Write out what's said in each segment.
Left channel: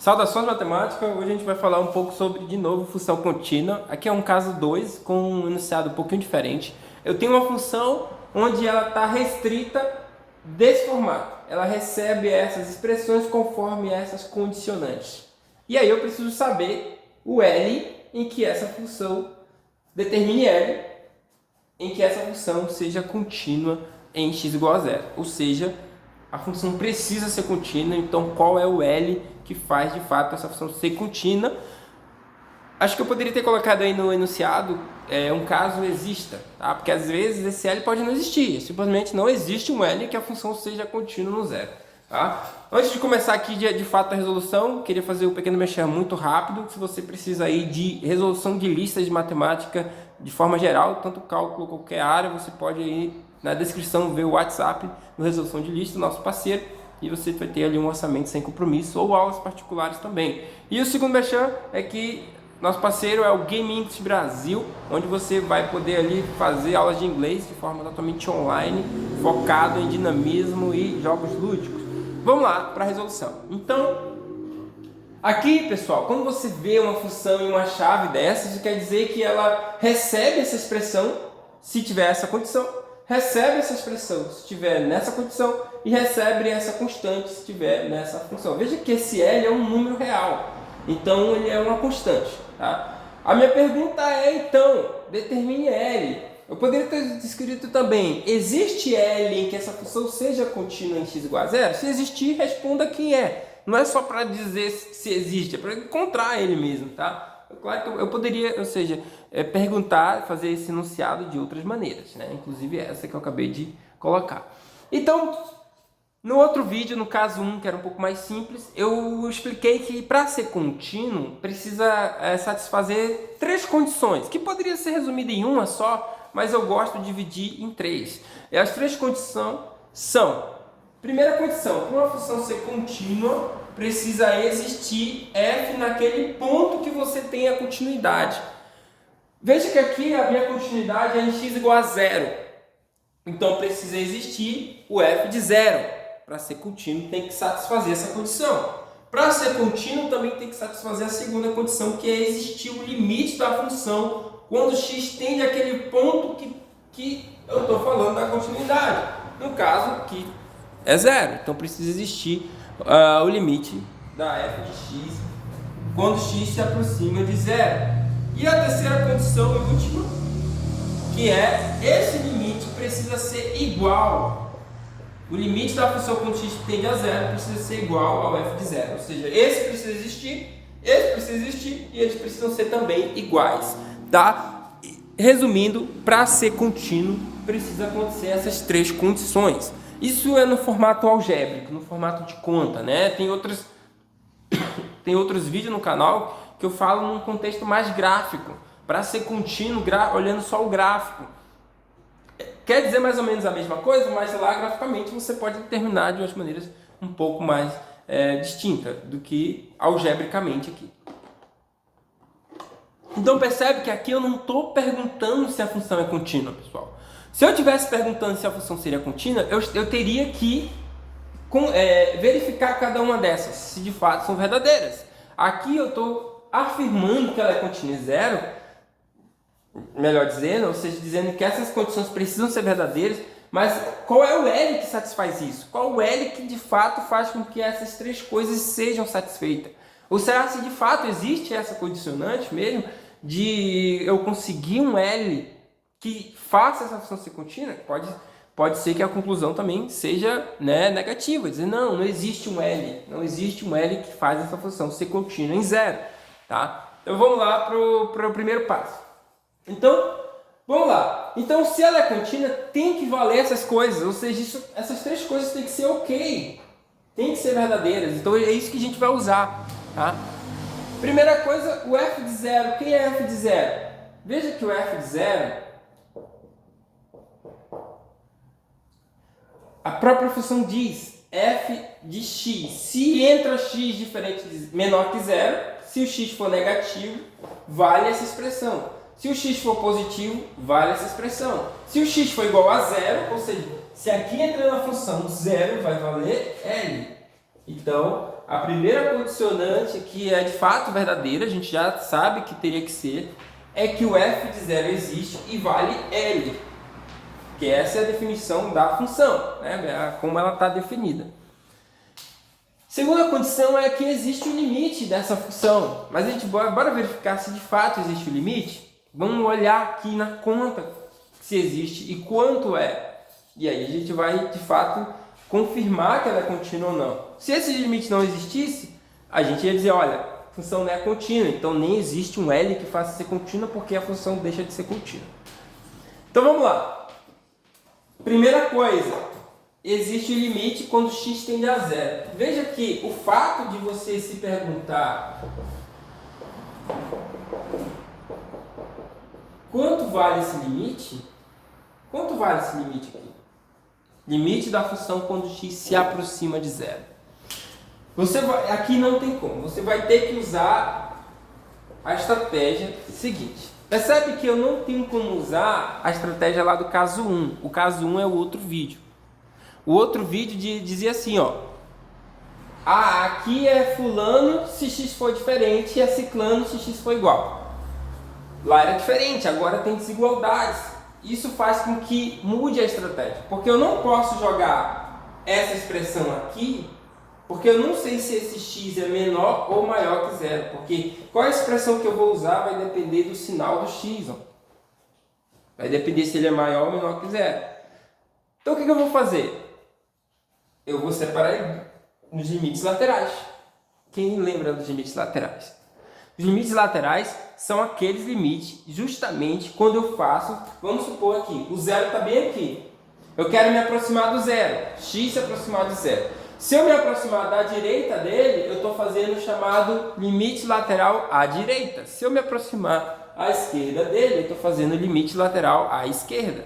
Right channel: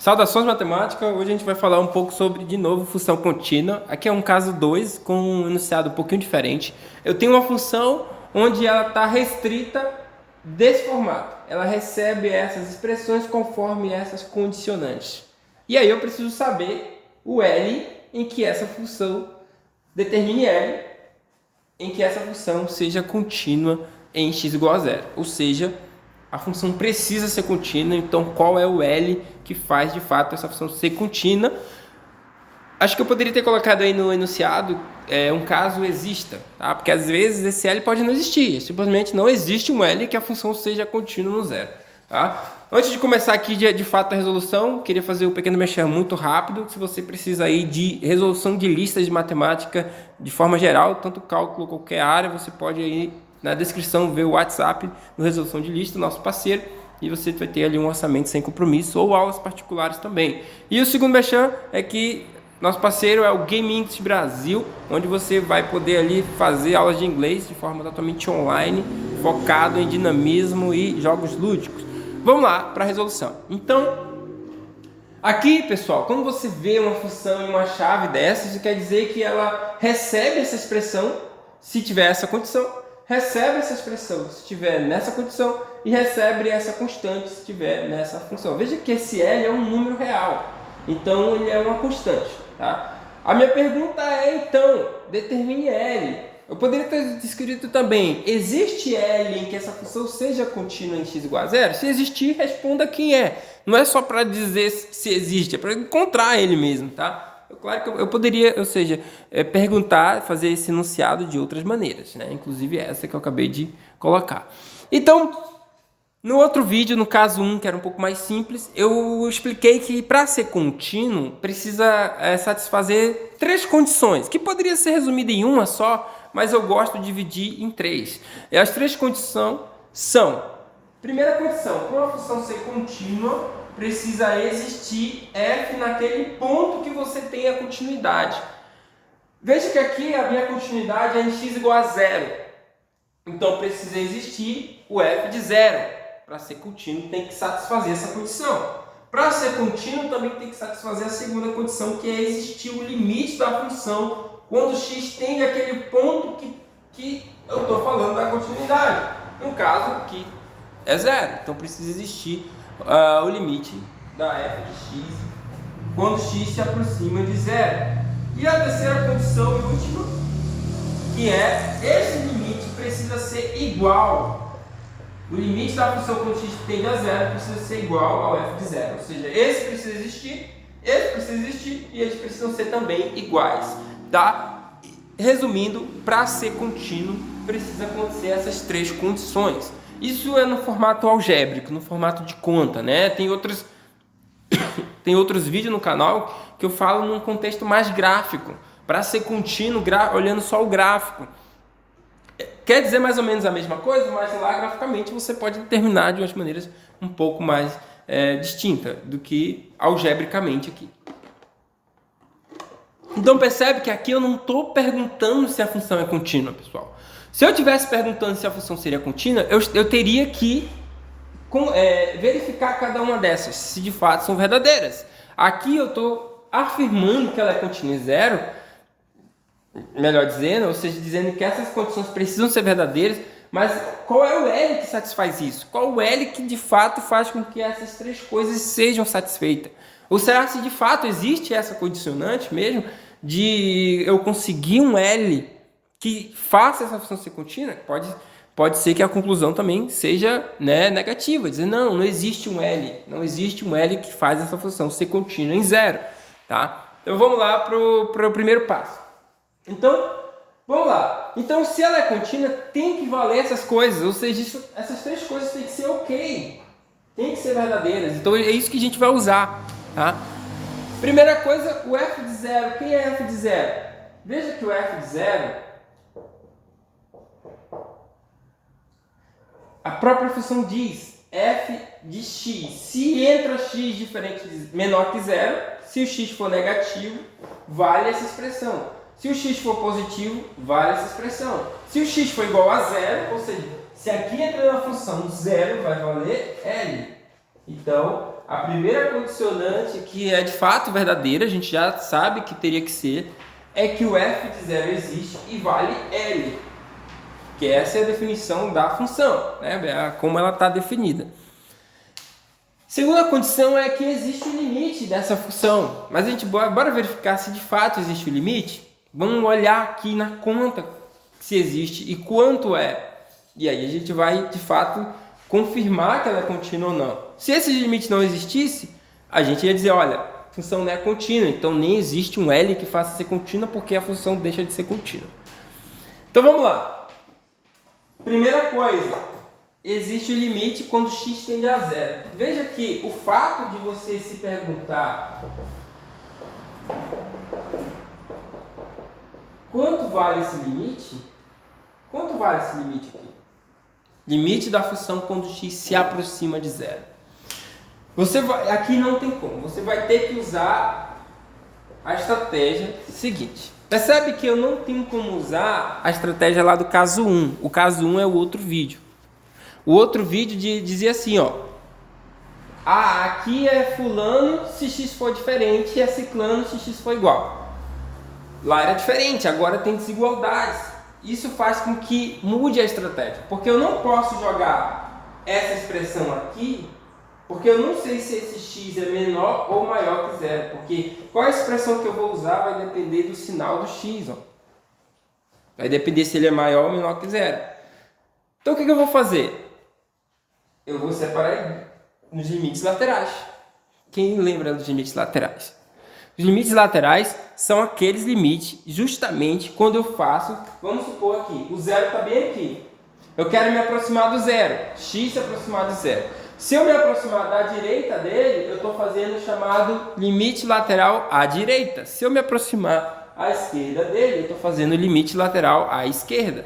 Saudações matemáticas, hoje a gente vai falar um pouco sobre, de novo, função contínua. Aqui é um caso 2 com um enunciado um pouquinho diferente. Eu tenho uma função onde ela está restrita desse formato. Ela recebe essas expressões conforme essas condicionantes. E aí eu preciso saber o L em que essa função determine L em que essa função seja contínua em x igual a zero. Ou seja, a função precisa ser contínua, então qual é o L que faz de fato essa função ser contínua? Acho que eu poderia ter colocado aí no enunciado um caso exista, tá? Porque às vezes esse L pode não existir, simplesmente não existe um L que a função seja contínua no zero, tá? Antes de começar aqui de fato a resolução, queria fazer um pequeno mexer muito rápido. Se você precisa aí de resolução de listas de matemática de forma geral, tanto cálculo qualquer área, você pode aí na descrição ver o WhatsApp do Resolução de Lista, nosso parceiro, e você vai ter ali um orçamento sem compromisso ou aulas particulares também. E o segundo mexer é que nosso parceiro é o Game English Brasil, onde você vai poder ali fazer aulas de inglês de forma totalmente online, focado em dinamismo e jogos lúdicos. Vamos lá para a resolução. Então, aqui, pessoal, quando você vê uma função e uma chave dessas, isso quer dizer que ela recebe essa expressão se tiver essa condição, recebe essa expressão se estiver nessa condição e recebe essa constante se estiver nessa função. Veja que esse L é um número real, então ele é uma constante. Tá? A minha pergunta é, então, determine L. Eu poderia ter escrito também, existe L em que essa função seja contínua em x igual a zero? Se existir, responda quem é. Não é só para dizer se existe, é para encontrar ele mesmo, tá? Claro que eu poderia, ou seja, perguntar, fazer esse enunciado de outras maneiras, né? Inclusive essa que eu acabei de colocar. Então, no outro vídeo, no caso 1, que era um pouco mais simples, eu expliquei que para ser contínuo precisa satisfazer três condições, que poderia ser resumida em uma só, mas eu gosto de dividir em três. E as três condições são: primeira condição, para uma função ser contínua, precisa existir f naquele ponto que você tem a continuidade. Veja que aqui a minha continuidade é em x igual a zero. Então precisa existir o f de zero. Para ser contínuo tem que satisfazer essa condição. Para ser contínuo também tem que satisfazer a segunda condição, que é existir o limite da função quando x tende àquele ponto que eu estou falando da continuidade. No caso aqui é zero. Então precisa existir o limite da f de x quando x se aproxima de zero. E a terceira condição e última, que é esse limite precisa ser igual. O limite da função quando x tende a zero precisa ser igual ao f de zero. Ou seja, esse precisa existir e eles precisam ser também iguais. Tá? Resumindo, para ser contínuo, precisa acontecer essas três condições. Isso é no formato algébrico, no formato de conta, né? Tem outros vídeos no canal que eu falo num contexto mais gráfico. Para ser contínuo, olhando só o gráfico. Quer dizer mais ou menos a mesma coisa, mas lá graficamente você pode determinar de umas maneiras um pouco mais distintas do que algebricamente aqui. Então percebe que aqui eu não estou perguntando se a função é contínua, pessoal. Se eu estivesse perguntando se a função seria contínua, eu teria que verificar cada uma dessas, se de fato são verdadeiras. Aqui eu estou afirmando que ela é contínua em zero, melhor dizendo, ou seja, dizendo que essas condições precisam ser verdadeiras, mas qual é o L que satisfaz isso? Qual o L que de fato faz com que essas três coisas sejam satisfeitas? Ou será que de fato existe essa condicionante mesmo de eu conseguir um L que faça essa função ser contínua? Pode ser que a conclusão também seja negativa, dizer não existe um L que faz essa função ser contínua em zero, tá? Então vamos lá para o primeiro passo. Então, vamos lá. Então, se ela é contínua, tem que valer essas coisas. Ou seja, essas três coisas têm que ser ok. Tem que ser verdadeiras. Então, é isso que a gente vai usar. Tá? Primeira coisa, o f de zero. Quem é f de zero? Veja que o f de zero, a própria função diz f de x. Se entra x menor que zero, se o x for negativo, vale essa expressão. Se o x for positivo, vale essa expressão. Se o x for igual a zero, ou seja, se aqui entra na função zero, vai valer L. Então, a primeira condicionante, que é de fato verdadeira, a gente já sabe que teria que ser, é que o f de 0 existe e vale L. Que essa é a definição da função, né? Como ela está definida. Segunda condição é que existe um limite dessa função. Mas a gente bora verificar se de fato existe o limite. Vamos olhar aqui na conta se existe e quanto é. E aí a gente vai de fato confirmar que ela é contínua ou não. Se esse limite não existisse, a gente ia dizer, olha, a função não é contínua, então nem existe um L que faça ser contínua porque a função deixa de ser contínua. Então vamos lá. Primeira coisa, existe o limite quando x tende a zero. Veja que o fato de você se perguntar quanto vale esse limite? Quanto vale esse limite aqui? Limite da função quando x se aproxima de zero. Aqui não tem como. Você vai ter que usar a estratégia seguinte. Percebe que eu não tenho como usar a estratégia lá do caso 1. O caso 1 é o outro vídeo. O outro vídeo dizia assim, ó. Aqui é fulano se x for diferente e é ciclano se x for igual. Lá era diferente, agora tem desigualdades. Isso faz com que mude a estratégia. Porque eu não posso jogar essa expressão aqui, porque eu não sei se esse x é menor ou maior que zero. Porque qual a expressão que eu vou usar vai depender do sinal do x. Ó. Vai depender se ele é maior ou menor que zero. Então o que eu vou fazer? Eu vou separar nos limites laterais. Quem lembra dos limites laterais? Os limites laterais são aqueles limites justamente quando eu faço, vamos supor aqui, o zero está bem aqui. Eu quero me aproximar do zero, x se aproximar de zero. Se eu me aproximar da direita dele, eu estou fazendo o chamado limite lateral à direita. Se eu me aproximar à esquerda dele, eu estou fazendo o limite lateral à esquerda.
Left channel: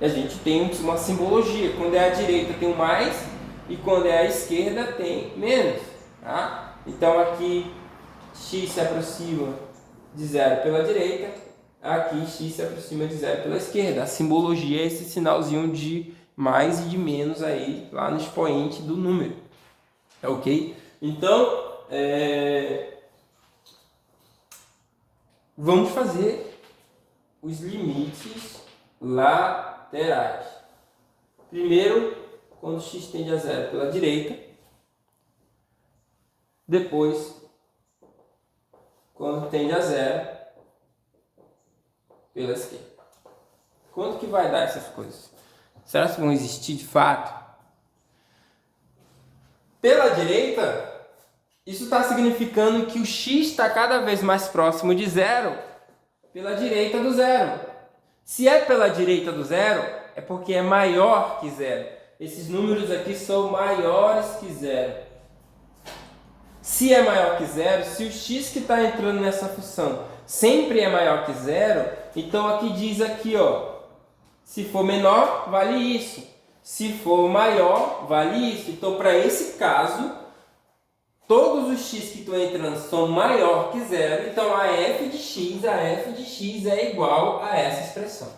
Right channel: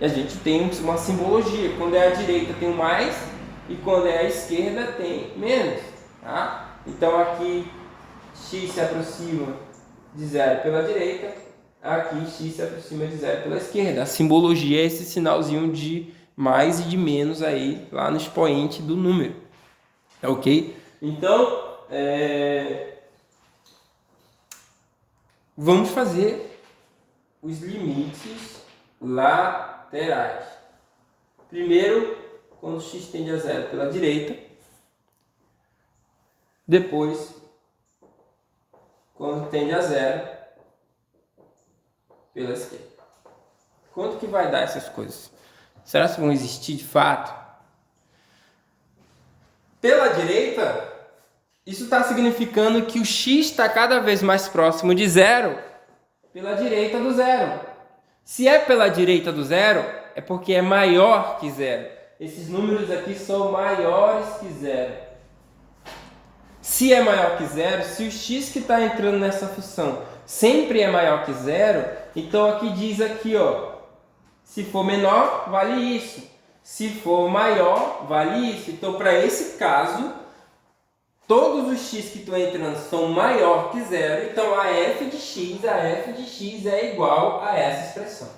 E a gente tem uma simbologia. Quando é à direita tem o mais e quando é à esquerda tem menos. Tá? Então aqui x se aproxima de zero pela direita, aqui x se aproxima de zero pela esquerda. A simbologia é esse sinalzinho de mais e de menos aí lá no expoente do número. Ok? Então, vamos fazer os limites laterais. Primeiro, quando x tende a zero pela direita. Depois, quando tende a zero pela esquerda. Quanto que vai dar essas coisas? Será que vão existir de fato? Pela direita, isso está significando que o x está cada vez mais próximo de zero pela direita do zero. Se é pela direita do zero, é porque é maior que zero. Esses números aqui são maiores que zero. Se é maior que zero, se o x que está entrando nessa função sempre é maior que zero, então aqui diz aqui, ó, se for menor, vale isso. Se for maior, vale isso. Então, para esse caso, todos os x que estão entrando são maior que zero. Então, a f de x é igual a essa expressão.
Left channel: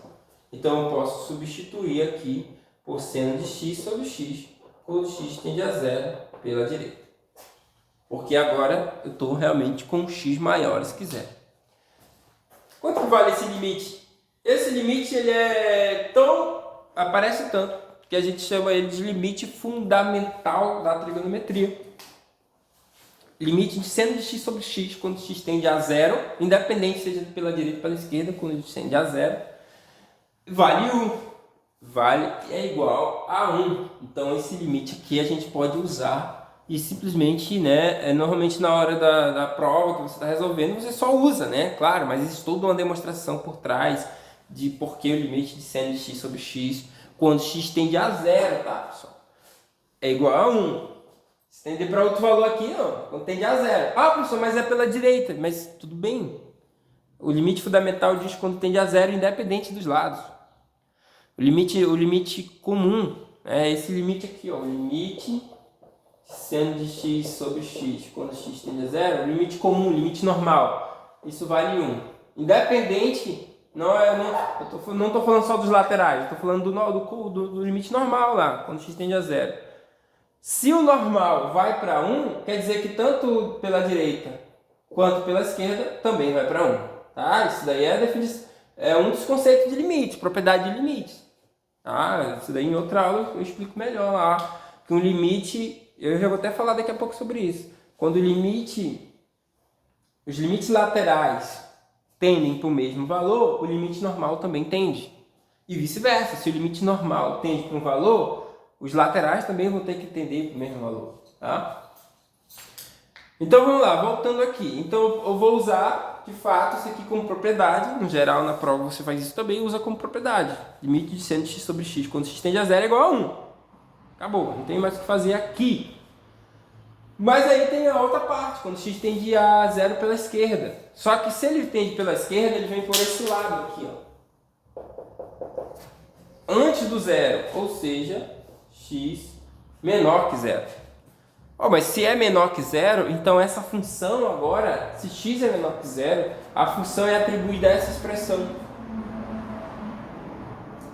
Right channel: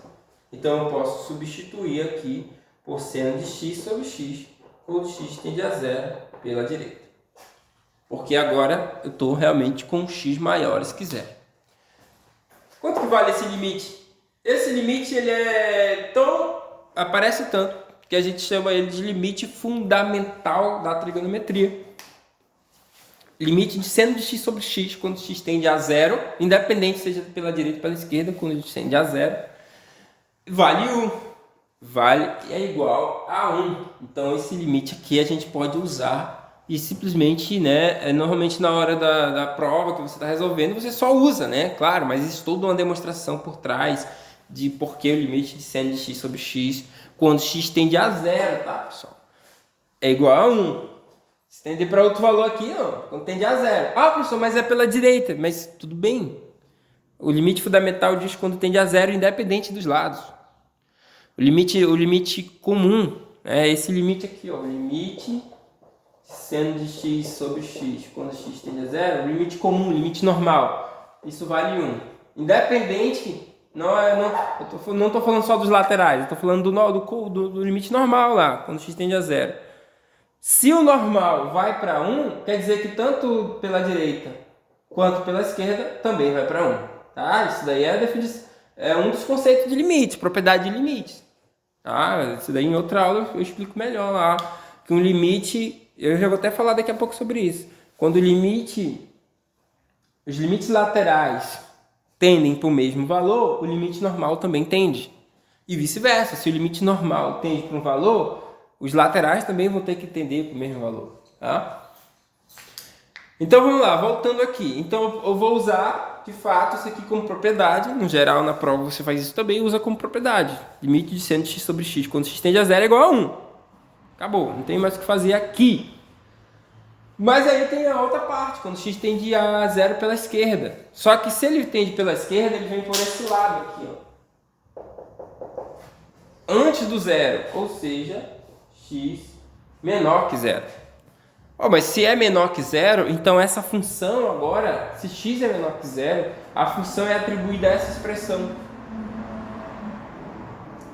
Então, eu posso substituir aqui por seno de x sobre x, quando x tende a zero pela direita. Porque agora eu estou realmente com x maiores que zero. Quanto que vale esse limite? Esse limite ele aparece tanto que a gente chama ele de limite fundamental da trigonometria. Limite de seno de x sobre x quando x tende a zero, independente seja pela direita ou pela esquerda, quando a gente tende a zero, vale 1. É igual a 1. Então esse limite aqui a gente pode usar e simplesmente, normalmente na hora da prova que você está resolvendo, você só usa, claro, mas existe toda uma demonstração por trás de por que o limite de seno de x sobre x, quando x tende a zero, tá, pessoal? É igual a 1. Se tender para outro valor aqui, não, quando tende a zero. Ah, professor, mas é pela direita, mas tudo bem. O limite fundamental diz quando tende a zero, independente dos lados. O limite comum, esse limite aqui, ó, o limite seno de x sobre x, quando x tende a zero, o limite comum, o limite normal, isso vale 1. Independente, eu não estou falando só dos laterais, eu estou falando do limite normal lá, quando x tende a zero. Se o normal vai para 1, quer dizer que tanto pela direita quanto pela esquerda também vai para 1. Tá? Isso daí é um dos conceitos de limite, propriedade de limites. Tá? Isso daí em outra aula eu explico melhor lá. Que um limite, eu já vou até falar daqui a pouco sobre isso. Quando os limites laterais tendem para o mesmo valor, o limite normal também tende. E vice-versa, se o limite normal tende para um valor, os laterais também vão ter que tender para o mesmo valor. Tá? Então vamos lá, voltando aqui. Então eu vou usar, de fato, isso aqui como propriedade. No geral, na prova você faz isso também, usa como propriedade. Limite de seno de x sobre x, quando x tende a 0 é igual a 1. Acabou, não tem mais o que fazer aqui. Mas aí tem a outra parte, quando x tende a 0 pela esquerda. Só que se ele tende pela esquerda, ele vem por esse lado aqui, ó. Antes do zero, ou seja, x menor que 0. Oh, mas se é menor que 0, então essa função agora, se x é menor que 0, a função é atribuída a essa expressão.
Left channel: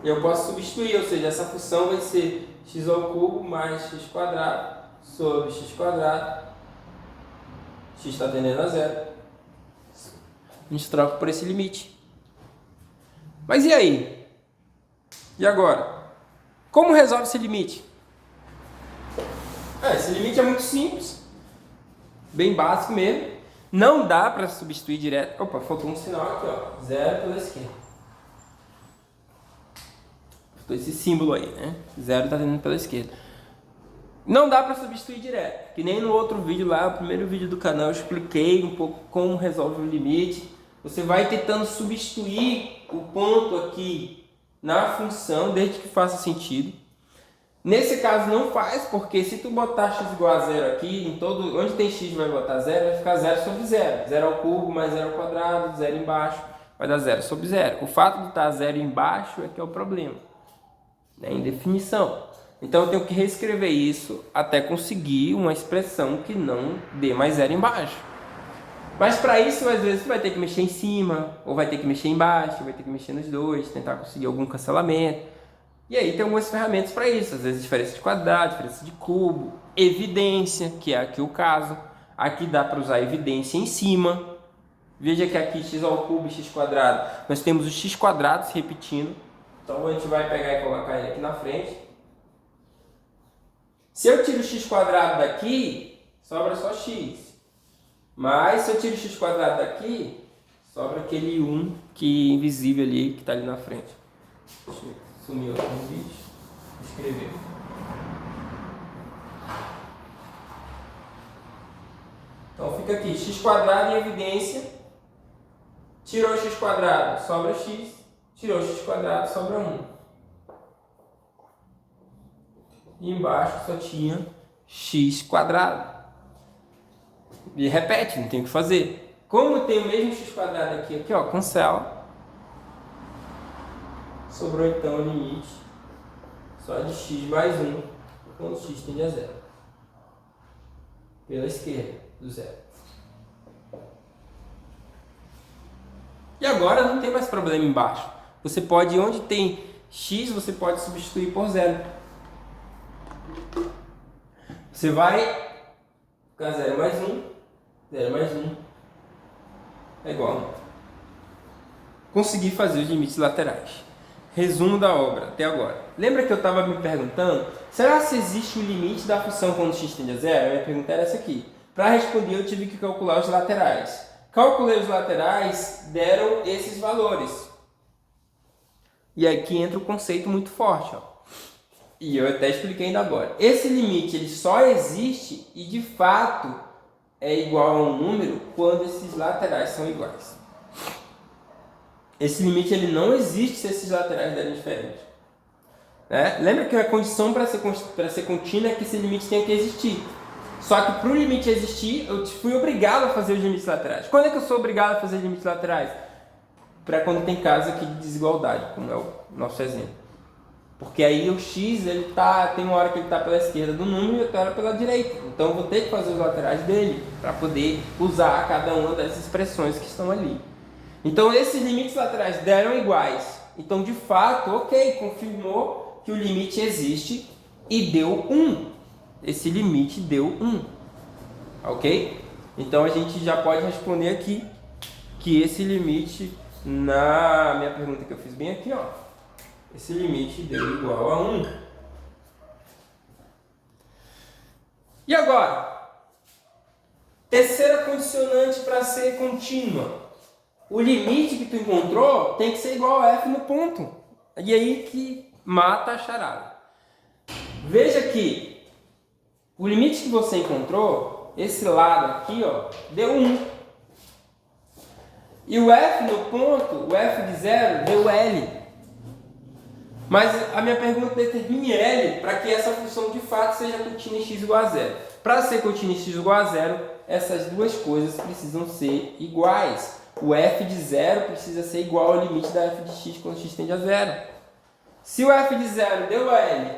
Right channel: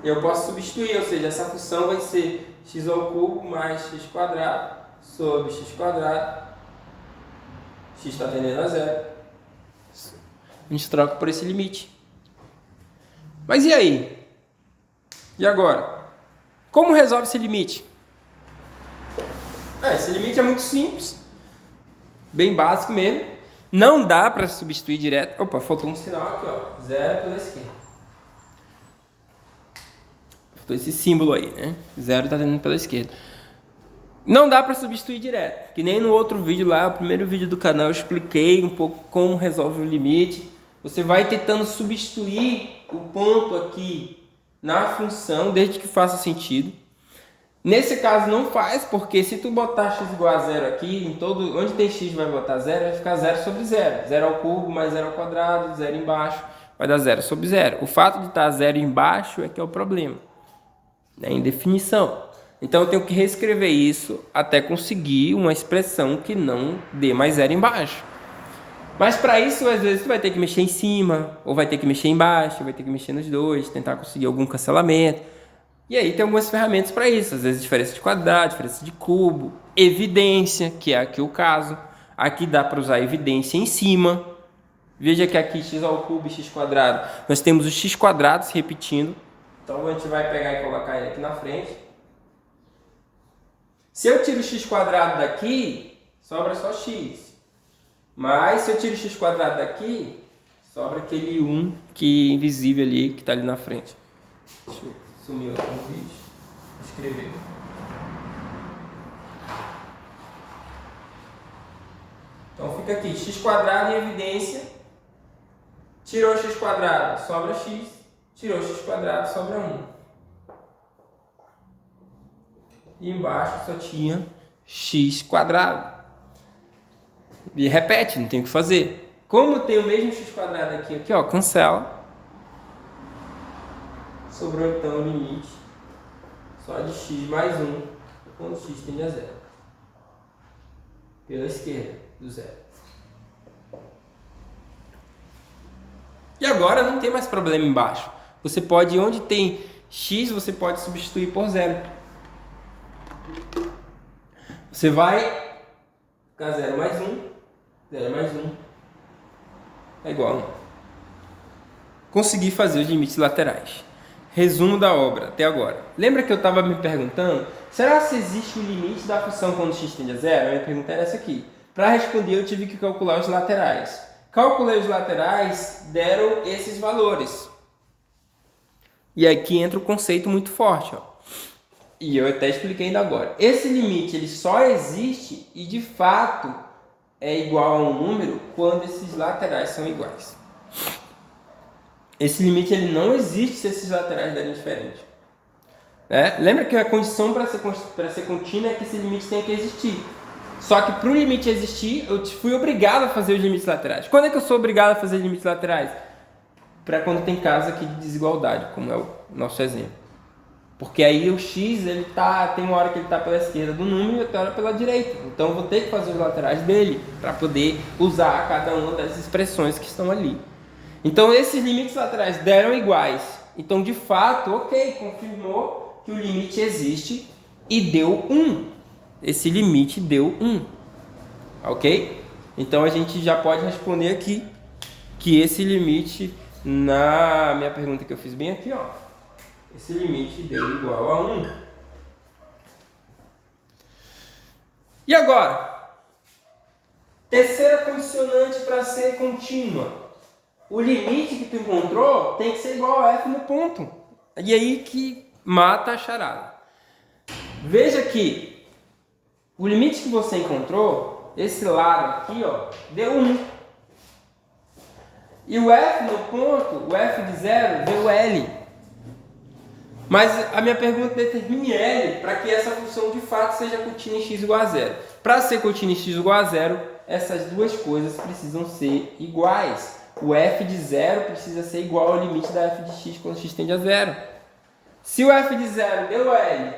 Eu posso substituir, ou seja, essa função vai ser x ao cubo mais x quadrado sobre x quadrado. X está tendendo a 0. A gente troca por esse limite. Mas e aí? E agora? Como resolve esse limite? Esse limite é muito simples. Bem básico mesmo. Não dá para substituir direto. Opa, faltou um sinal aqui, ó. 0 pela esquerda. Faltou esse símbolo aí, né? 0 está tendendo pela esquerda. Não dá para substituir direto. Que nem no outro vídeo lá, o primeiro vídeo do canal, eu expliquei um pouco como resolve o limite. Você vai tentando substituir o ponto aqui na função, desde que faça sentido. Nesse caso não faz, porque se tu botar x igual a 0 aqui, em todo, onde tem x vai botar 0, vai ficar 0 sobre 0. 0 ao cubo mais 0 ao quadrado, 0 embaixo, vai dar 0 sobre 0. O fato de estar 0 embaixo é que é o problema, né? Em definição. Então eu tenho que reescrever isso até conseguir uma expressão que não dê mais 0 embaixo. Mas para isso, às vezes, tu vai ter que mexer em cima, ou vai ter que mexer embaixo, vai ter que mexer nos dois, tentar conseguir algum cancelamento. E aí tem algumas ferramentas para isso, às vezes diferença de quadrado, diferença de cubo, evidência, que é aqui o caso. Aqui dá para usar evidência em cima. Veja que aqui x ao cubo e x quadrado, nós temos o x quadrado se repetindo. Então a gente vai pegar e colocar ele aqui na frente. Se eu tiro o x quadrado daqui, sobra só x. Mas se eu tiro o x quadrado daqui, sobra aquele 1 que é invisível ali, que está ali na frente. Deixa eu sumir aqui no vídeo. Escrever. Então fica aqui, x quadrado em evidência. Tirou x quadrado, sobra x. Tirou x quadrado, sobra 1. E embaixo só tinha x quadrado. E repete, não tem o que fazer. Como tem o mesmo x quadrado aqui, ó, cancela. Sobrou então o limite só de x mais 1 quando x tende a 0. Pela esquerda do 0. E agora não tem mais problema embaixo. Você pode, onde tem x, você pode substituir por 0. Você vai ficar 0 mais 1, 0 mais 1 é igual a 1. Consegui fazer os limites laterais. Resumo da obra até agora. Lembra que eu estava me perguntando, será que existe o limite da função quando x tende a 0? A minha pergunta era essa aqui. Para responder eu tive que calcular os laterais. Calculei os laterais, deram esses valores. E aqui entra o conceito muito forte, ó. E eu até expliquei ainda agora. Esse limite ele só existe e de fato é igual a um número quando esses laterais são iguais. Esse limite ele não existe se esses laterais derem diferente. Né? Lembra que a condição para ser contínua é que esse limite tem que existir. Só que para o limite existir, eu fui obrigado a fazer os limites laterais. Quando é que eu sou obrigado a fazer os limites laterais? Para quando tem casos aqui de desigualdade, como é o nosso exemplo. Porque aí o x tem uma hora que ele está pela esquerda do número e outra hora pela direita. Então eu vou ter que fazer os laterais dele para poder usar cada uma das expressões que estão ali. Então esses limites laterais deram iguais. Então de fato, ok, confirmou que o limite existe e deu 1. esse limite deu 1. Ok? Então a gente já pode responder aqui que esse limite, na minha pergunta que eu fiz bem aqui, ó, esse limite deu igual a 1. E agora? Terceira condicionante para ser contínua. O limite que tu encontrou tem que ser igual a f no ponto. E aí que mata a charada. Veja que o limite que você encontrou, esse lado aqui, ó, deu 1. E o f no ponto, o f de 0, deu L. Mas a minha pergunta determine L para que essa função de fato seja contínua em x igual a 0. Para ser contínua em x igual a 0, essas duas coisas precisam ser iguais. O f de 0 precisa ser igual ao limite da f de x quando x tende a 0. Se o f de 0 deu L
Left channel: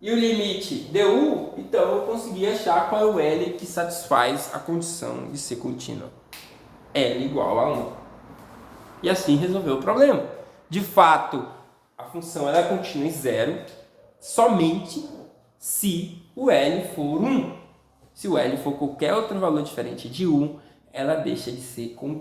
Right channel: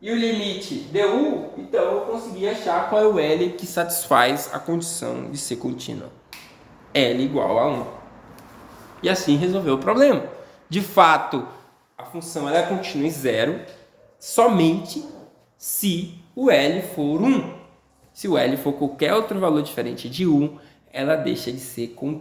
e o limite deu U, então eu consegui achar qual é o L que satisfaz a condição de ser contínua. L igual a 1. E assim resolveu o problema. De fato, a função ela é contínua em 0 somente se o L for 1. Se o L for qualquer outro valor diferente de 1, ela deixa de ser contínua.